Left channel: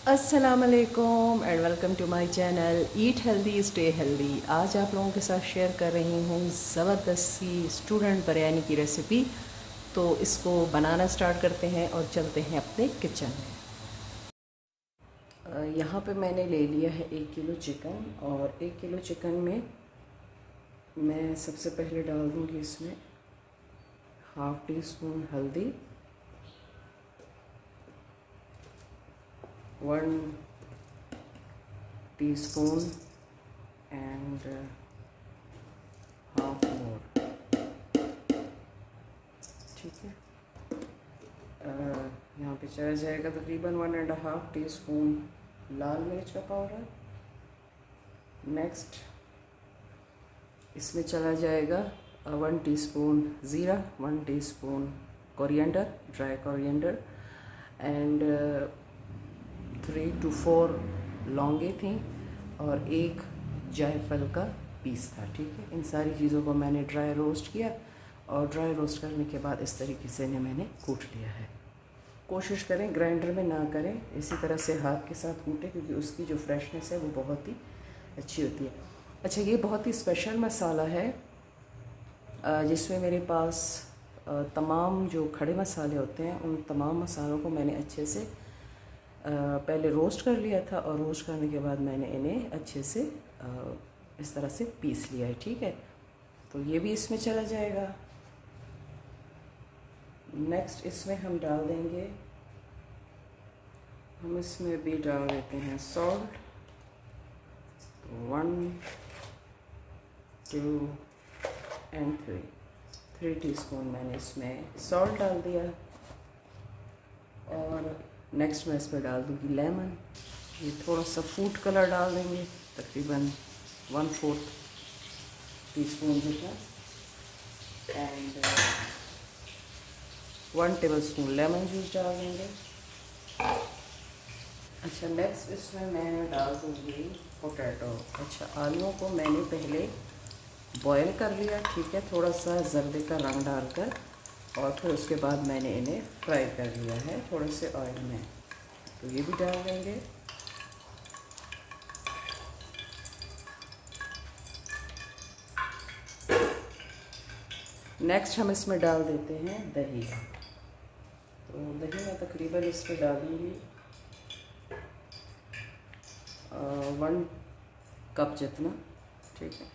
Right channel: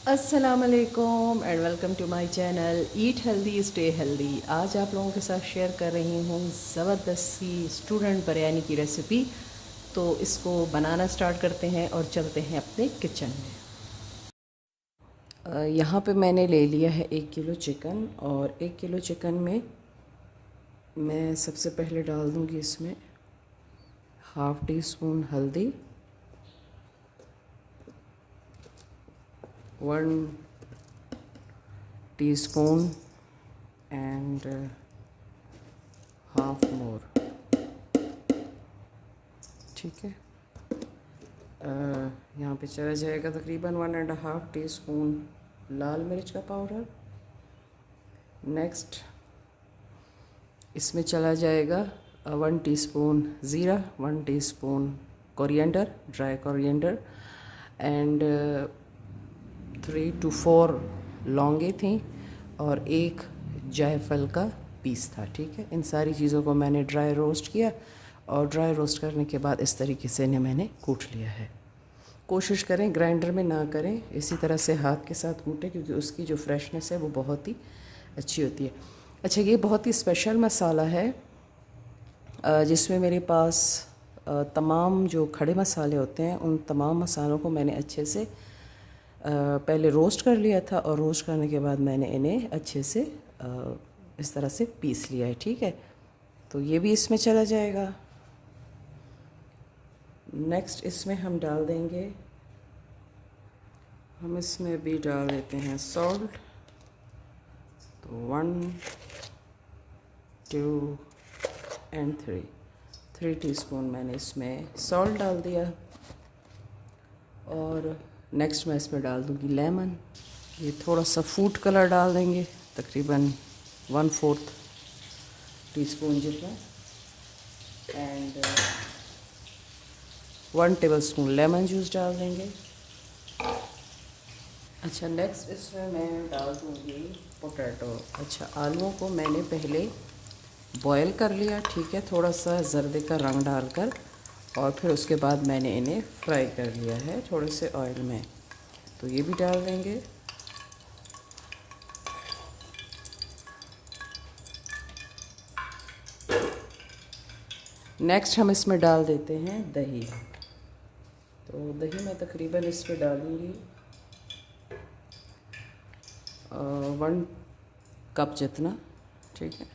अस्सलामुअलैकुम and welcome to my channel eat healthy stay healthy. आज आप लोगों के साथ शेयर कर रही हूँ ज़बरदस्त सी स्टूडेंट बिरयानी की रेसिपी। तो इसको बनाना स्टार्ट करते हैं और चलते हैं अपने किचन में। यहाँ पे मैंने ले लिया है 1 किलो चिकन, और 1 किलो चिकन में मैं सबसे पहले डाल दूँगी इसमें हाफ़ टी स्पून हल्दी, 1 टीस्पून एंड हाफ मोर। ठीक है, यहाँ पे चला जाएगा तकरीबन 1.5 टीस्पून लाल मिर्च का पाउडर। नेक्स्ट इसमें चला जाएगा 1 टीस्पून ज़ीरा, 1 teaspoon coriander, dry coriander and 3 to 4 लौंगे थी और एक जायफल का पीस था। ठीक है, इन सारी चीज़ों को मैंने ड्राई रोस्ट किया और ड्राई रोस्ट करने के बाद इस तरीके से इन्हें मैंने कूट लिया है। कोशिश करें ग्राइंडर में ना करें, इसी तरह से हाथ के साथ कूटें क्योंकि उसकी जो फ्रेशनेस है वो बहुत ही अच्छी होती है। अच्छा, ये बहुत ही स्पेशल मसाला है जिसमें मेरे पास तमाम जो खड़े मसाले होते हैं उन तमाम मसालों को मैंने अच्छे से पहले रोस्ट कर लिया था, और रोस्ट करने के बाद मैंने इन्हें अच्छे से इस तरह से पीस लिया है। ठीक है, तो ये भी इसमें चला जाएगा। नेक्स्ट इसमें हम डाल देंगे, हम इसमें भी डाल देते हैं सॉल्ट। तो 1 2 एंड 3 टीस्पून मैंने इसमें सॉल्ट डाल दिया। और नेक्स्ट मैं इसमें डाल दूँगी लेमन। ये थोड़ा सा फूड कलर डाल देंगे, तकरीबन 1/4 टीस्पून जितना, एंड 1 टेबलस्पून लेमन जूस डाल देंगे। अच्छा, नेक्स्ट इसमें मैं डाल दूँगी पोटैटो। अच्छा, आलूओं को मैंने पहले बॉयल कर लिया, ठीक है, थोड़ा सा जर्दे का रंग डालकर, और फिर उसके बाद मैंने इन्हें फ्राई कर लिया है थोड़े से ऑयल में। तो ये भी डाल देंगे। नेक्स्ट हम इसमें डाल देते हैं दही। तो दही मैं तकरीबन इस पर डालूँगी 1 कप जितना। ठीक है,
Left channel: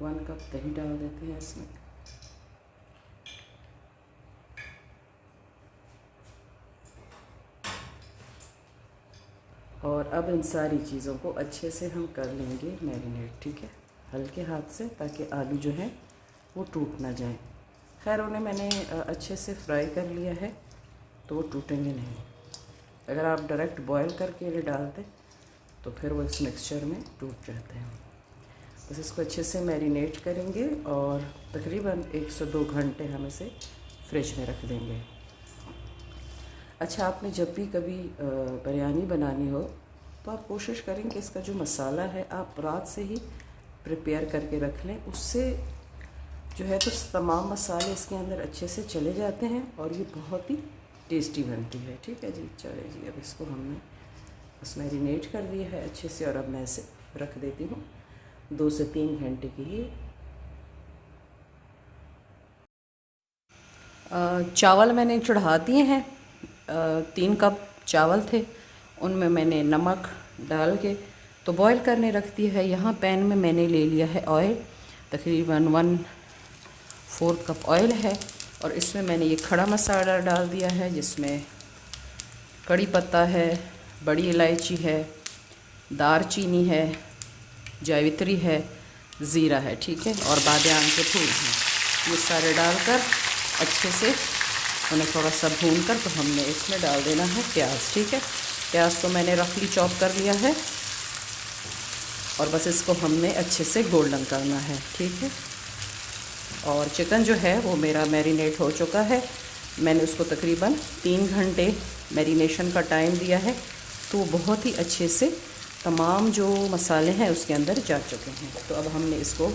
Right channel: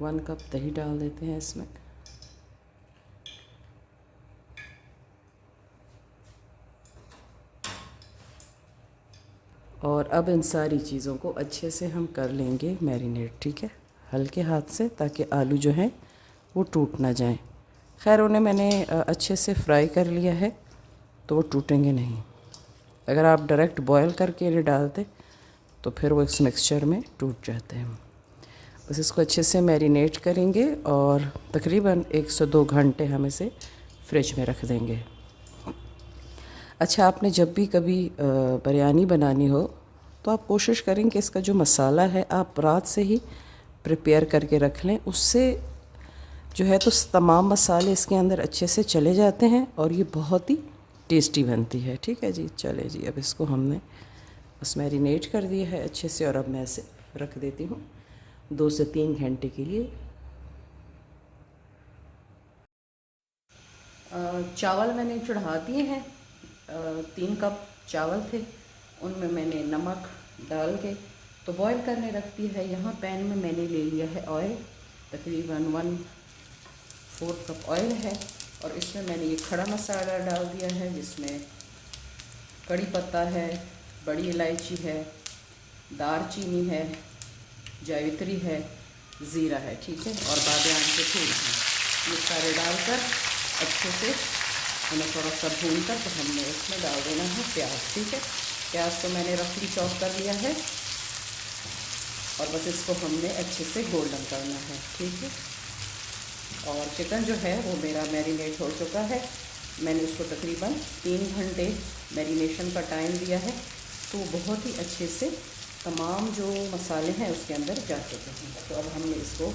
1 कप दही डाल देते हैं इसमें। और अब इन सारी चीज़ों को अच्छे से हम कर लेंगे मैरिनेट। ठीक है, हल्के हाथ से, ताकि आलू जो हैं वो टूट ना जाएं। खैर, उन्हें मैंने अच्छे से फ्राई कर लिया है तो वो टूटेंगे नहीं। अगर आप डायरेक्ट बॉयल करके इन्हें डालते तो फिर वो इस मिक्सचर में टूट जाते हैं। बस इसको अच्छे से मैरिनेट करेंगे और तकरीबन 1 से 2 घंटे हम इसे फ्रिज में रख देंगे। अच्छा, आपने जब भी कभी बिरयानी बनानी हो तो आप कोशिश करें कि इसका जो मसाला है आप रात से ही प्रिपेयर करके रख लें। उससे जो है तो तमाम मसाले इसके अंदर अच्छे से चले जाते हैं और ये बहुत ही टेस्टी बनती है। ठीक है जी, चले जी, अब इसको हमने बस मैरिनेट कर दिया है अच्छे से, और अब मैं इसे रख देती हूँ 2 से 3 घंटे के लिए। चावल मैंने चढ़ा दिए हैं, 3 कप चावल थे, उनमें मैंने नमक डाल के तो बॉईल करने रख दिया है। यहाँ पैन में मैंने ले लिया है ऑयल, तकरीबन 1/4 कप ऑयल है, और इसमें मैंने ये खड़ा मसाला डाल दिया है जिसमें कड़ी पत्ता है, बड़ी इलायची है, दारचीनी है, जावित्री है, ज़ीरा है, ठीक है, और बादाम के फूल हैं। ये सारे डालकर अच्छे से उन्हें थोड़ा सा भून कर तो हमने इसमें डाल देना है प्याज। ठीक है, प्याज को मैंने रफली चॉप कर लिया है और बस इसको हमने अच्छे से गोल्डन करना है। ठीक है, और चिकन जो है वो मेरा मैरिनेट हो चुका है। मैंने उसको तकरीबन 3 घंटे मैरिनेशन का टाइम दिया है, तो बहुत ही अच्छे से तमाम जो मसाले हैं उसके अंदर जा चुके हैं। तो अब हमने इसको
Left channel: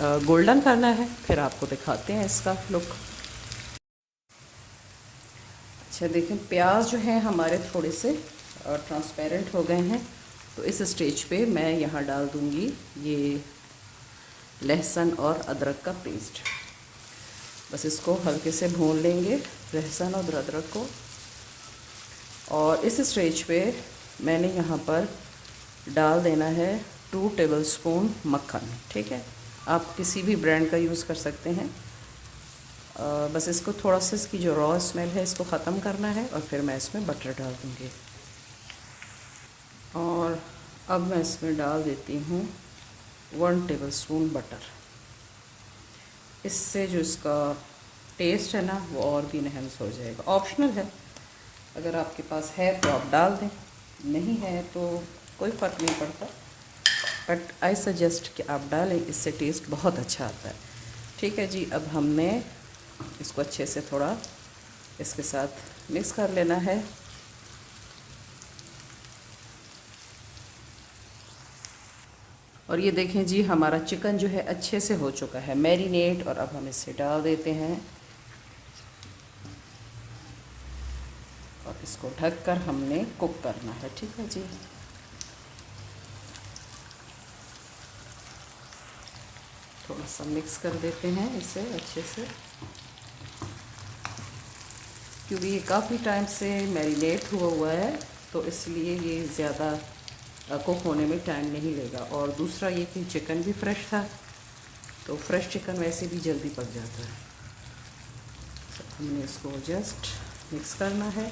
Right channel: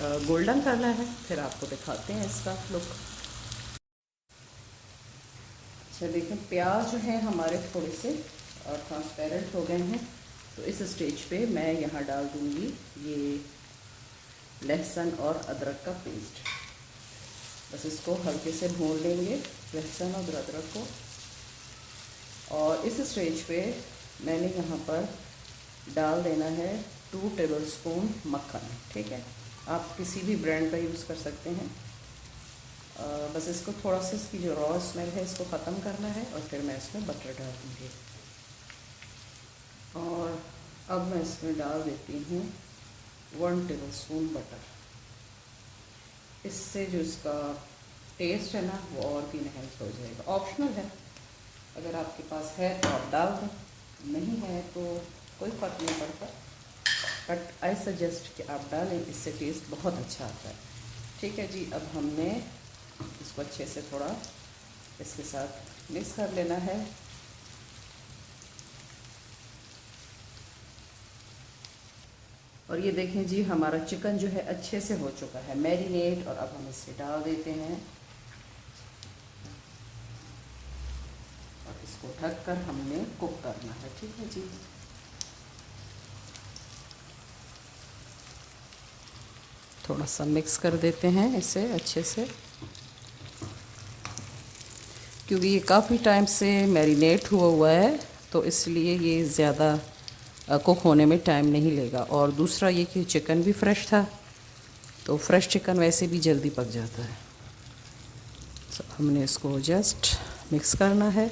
गोल्डन करना है, फिर आपको दिखाते हैं इसका लुक। अच्छा देखें, प्याज जो है हमारे थोड़े से ट्रांसपेरेंट हो गए हैं। तो इस स्टेज पे मैं यहाँ डाल दूँगी ये लहसुन और अदरक का पेस्ट। बस इसको हल्के से भून लेंगे, लहसुन और अदरक को। और इस स्टेज पे मैंने यहाँ पर डाल देना है 2 टेबलस्पून मक्खन। ठीक है, आप किसी भी ब्रांड का यूज़ कर सकते हैं। बस इसको थोड़ा सा, इसकी जो रॉ स्मेल है इसको ख़त्म करना है और फिर मैं इसमें बटर डाल दूँगी। और अब मैं इसमें डाल देती हूँ 1 टेबलस्पून बटर। इससे जो इसका टेस्ट है ना वो और भी इन्हेंस हो जाएगा। ऑप्शनल है, अगर आपके पास है तो आप डाल दें, नहीं है तो कोई फ़र्क नहीं पड़ता, बट आई सजेस्ट कि आप डालें, इससे टेस्ट बहुत अच्छा आता है। ठीक है जी, अब हमने इसको अच्छे से थोड़ा इसके साथ मिक्स कर लेना है। और ये देखें जी, हमारा चिकन जो है अच्छे से हो चुका है मैरिनेट। और अब हम इसे डाल देते हैं और इसको ढककर हमने कुक करना है। ठीक है जी, थोड़ा सा मिक्स कर देते हैं इसे अच्छे से, क्योंकि ये काफ़ी टाइम से मैरिनेट हुआ है तो इसलिए ये ज़्यादा कुक होने में टाइम नहीं लेगा। और दूसरा ये कि चिकन भी फ्रेश था, तो फ्रेश चिकन वैसे भी जल्दी पक जाता है। तो हमने इसको जस्ट मिक्स करना है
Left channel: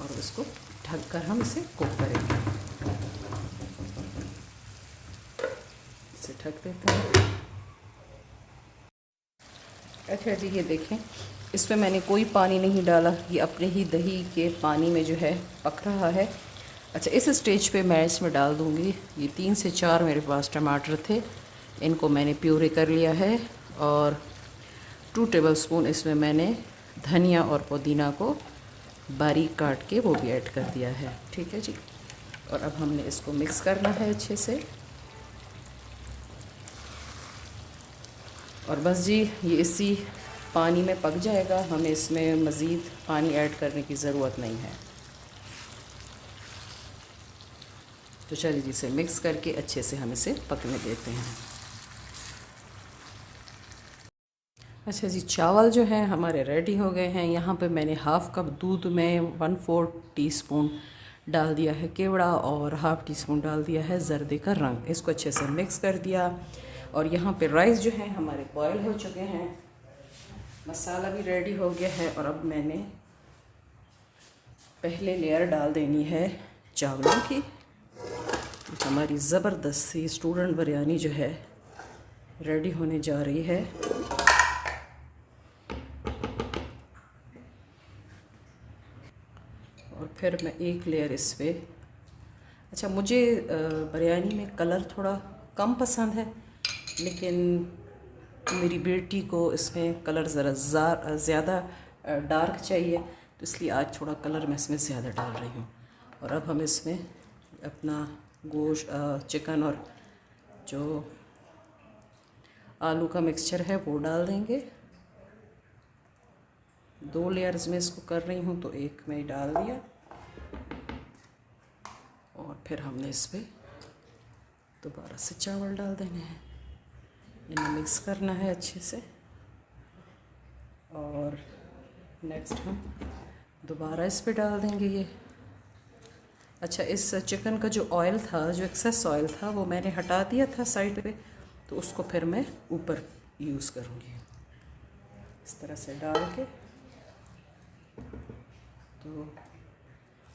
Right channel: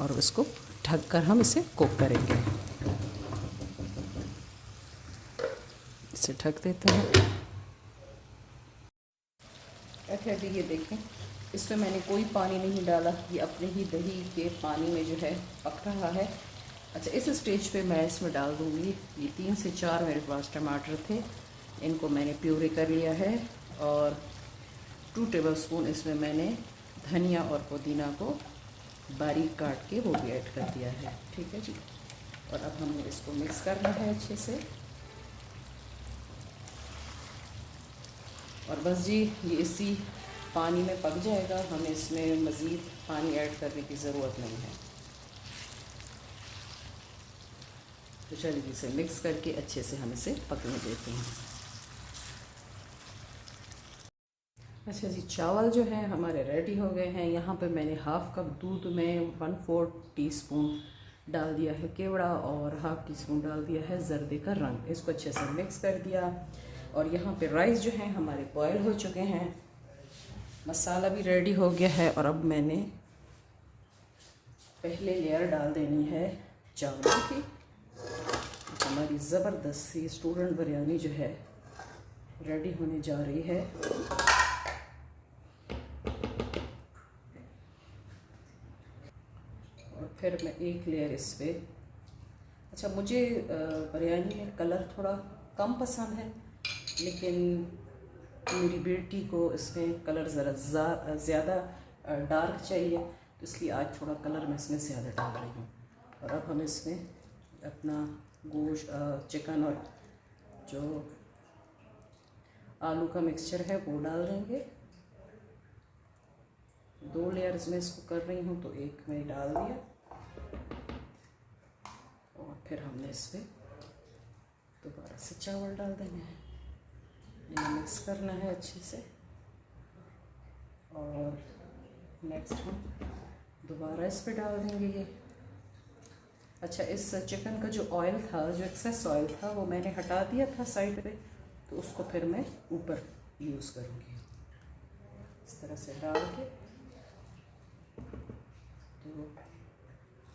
और उसको ढककर हम इसे कुक करेंगे। इसे ढक देते हैं। अच्छा जी, ये देखें, इसमें मैंने कोई पानी नहीं डाला, ये अपने ही दही के पानी में जो है पक रहा है। अच्छा, इस स्टेज पे मैं इसमें डाल दूँगी, ये 3 से 4 मेरे पास टमाटर थे, इनको मैंने प्यूरी कर लिया है। और 2 टेबलस्पून इसमें मैंने धनिया और पुदीना को बारीक काट के वो भी ऐड कर दिया है। ठीक है जी, और अब हमने इसको मिक्स करना है अच्छे से। और बस जी, ये इसी पानी में पक जाएगा, हमें इसमें मज़ीद पानी ऐड करने की ज़रूरत नहीं है। तो चलिए इसे मिक्स करके अच्छे से हम इसे पकने देते हैं। अच्छा जी, चावल जो हैं हमारे रेडी हो गए हैं। यहाँ पे मैंने हाफ़ कप दूध में 1/4 टीस्पून डाल दिया है केवड़ा और हाफ़ टीस्पून डाल दिया है ज़र्दे का रंग। इसको अच्छे से मिक्स कर दिया। और यहाँ पे राइस जो है हमारे बॉयल हो चुके हैं, मसाला भी रेडी हो गया है। और अब मैंने पहले लेयर डाल देनी है चावलों की। हमारी ज़बरदस्त सी स्टूडेंट बिरयानी जो है रेडी होने जा रही है। और फिर मैं एक लेयर इस पर, अच्छा मुझे बिरयानी में कलर थोड़ा कम पसंद है, लेकिन मेरी बेटी को इसमें कलर ज़रा ज़्यादा डार्क चाहिए, तो इसलिए आज थोड़ा कलर मैं इसमें ज़्यादा डाल रही हूँ। और अब हम इसमें अपना गोश्त, चिकन और जो आलू का मिक्सचर है वो डाल देंगे। 2 लेयर्स में इसको कर रही हूँ, तो एक में डाल दिया। और फिर हमने इस पर दोबारा से चावल डाल देने हैं, इन्हें मिक्स करना है अच्छे से। और नेक्स्ट हम दोबारा इस पर डाल देंगे ये। अच्छा, इस चिकन का जो ऑयल था, जो एक्सेस ऑयल था, वो मैंने हटा दिया था साइड पे, तो उसको फिर मैं ऊपर यूज़ करूँगी इस तरह से डाल के। तो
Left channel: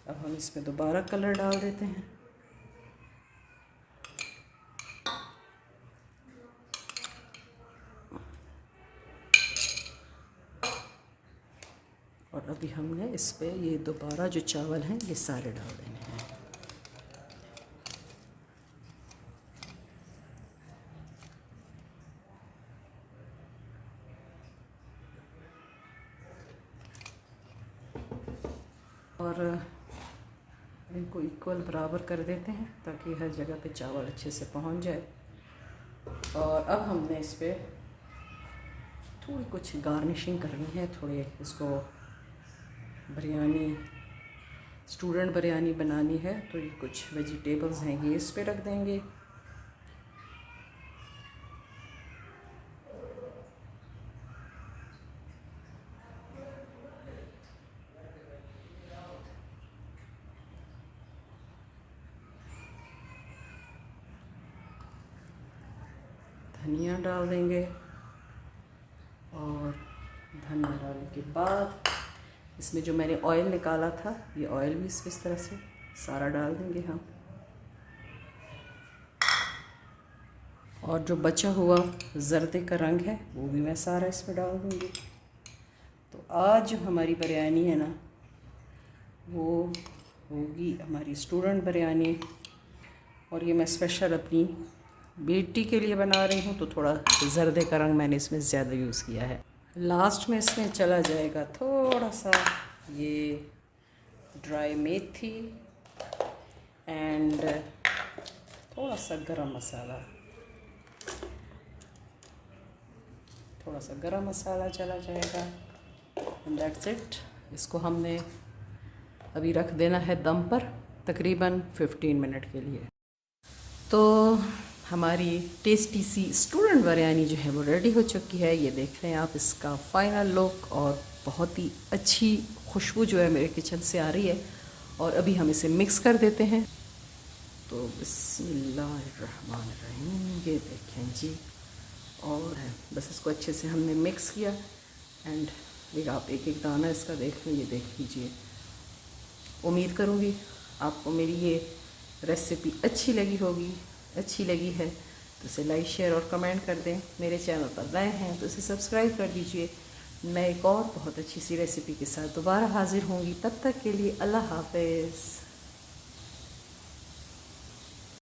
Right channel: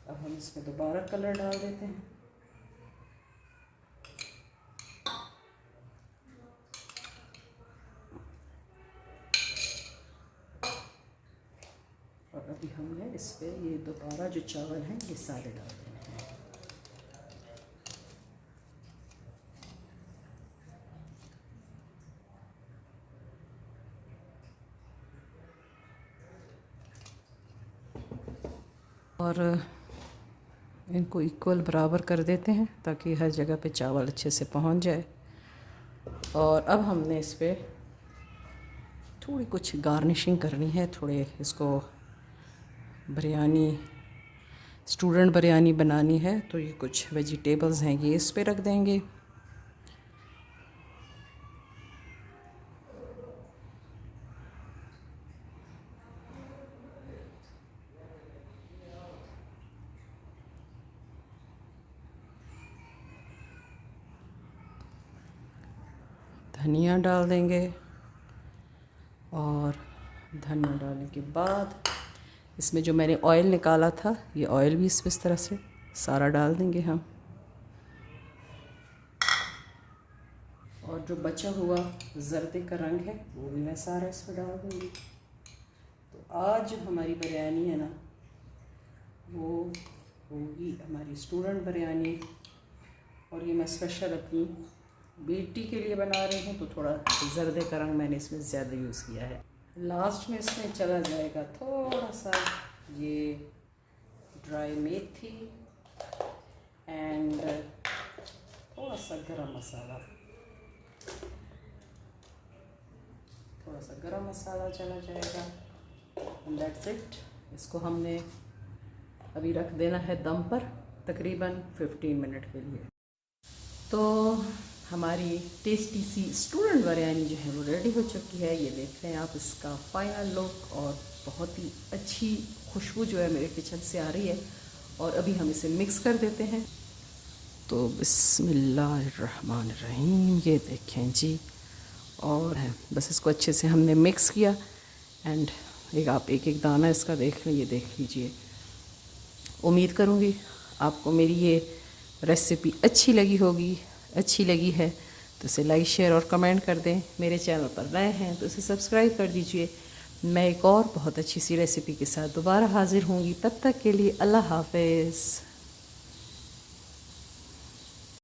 अब हम इसमें दोबारा कलर डाल देते हैं। और अभी हमने इस पे ये दोबारा जो चावल हैं ये सारे डाल देने हैं। और इनको इक्वल बराबर कर देते हैं ताकि हर जगह पे चावल अच्छे से पहुंच जाए। और अब हमने इस पर थोड़ी कुछ गार्निशिंग करनी है, थोड़े इसको बिरयानी, स्टूडेंट बिरयानी बनानी है, तो ये कुछ वेजिटेबल्स हैं, ये इस पे रख देंगे। धनिया डाल देंगे और धनिया डालने के बाद इसमें जो मैंने ऑयल निकाला था, ये ऑयल भी इस तरह से सारा डाल देंगे हम। और जो बचा हुआ ज़र्दे का रंग है वो भी मैं सारा इसमें डाल दूँगी। तो आज जो हमारी बिरयानी है ना, वो होगी हमारी स्टूडेंट बिरयानी। और ये मैं स्पेशल अपनी बेटी के लिए बना रही हूँ, तो थोड़ा ज़र्दे का रंग मैंने इसमें ज़्यादा यूज़ किया है। लास्ट में इसमें चला जाएगा थोड़ा सा ये ड्राई मेथी एंड थोड़ा सा गरम मसाला, थोड़ा सा गरम मसाला चला जाएगा एंड दैट्स इट। इसको हमने अभी रख देना है दम पर तकरीबन 15 मिनट के लिए। तो हमारी टेस्टी सी स्टूडेंट बिरयानी जो है वो रेडी हो चुकी है। ये देख रहे हैं आप इसका फाइनल लुक, और बहुत ही अच्छी खुशबू जो है मेरे किचन से आ रही है। और अभी हम इसे मिक्स कर देते हैं। तो बिस्मिल्लाहिर्रहमानिर्रहीम, ये देखें जी। और बस इसको अच्छे से हमने मिक्स किया एंड आप एक एक दाना इसका देख लें, ये देख लीजिए। उम्मीद करूँगी आपको मेरी ये रेसिपी अच्छी लगी होगी। अच्छी लगी है तो इसे लाइक, शेयर और कमेंट कर दें। मेरे चैनल पर नए हैं तो इसे सब्सक्राइब कर दीजिए। मैं एक और बहुत अच्छी सी रेसिपी के साथ दोबारा हाज़िर होंगी। तब तक के लिए अल्लाह हाफ़िज़।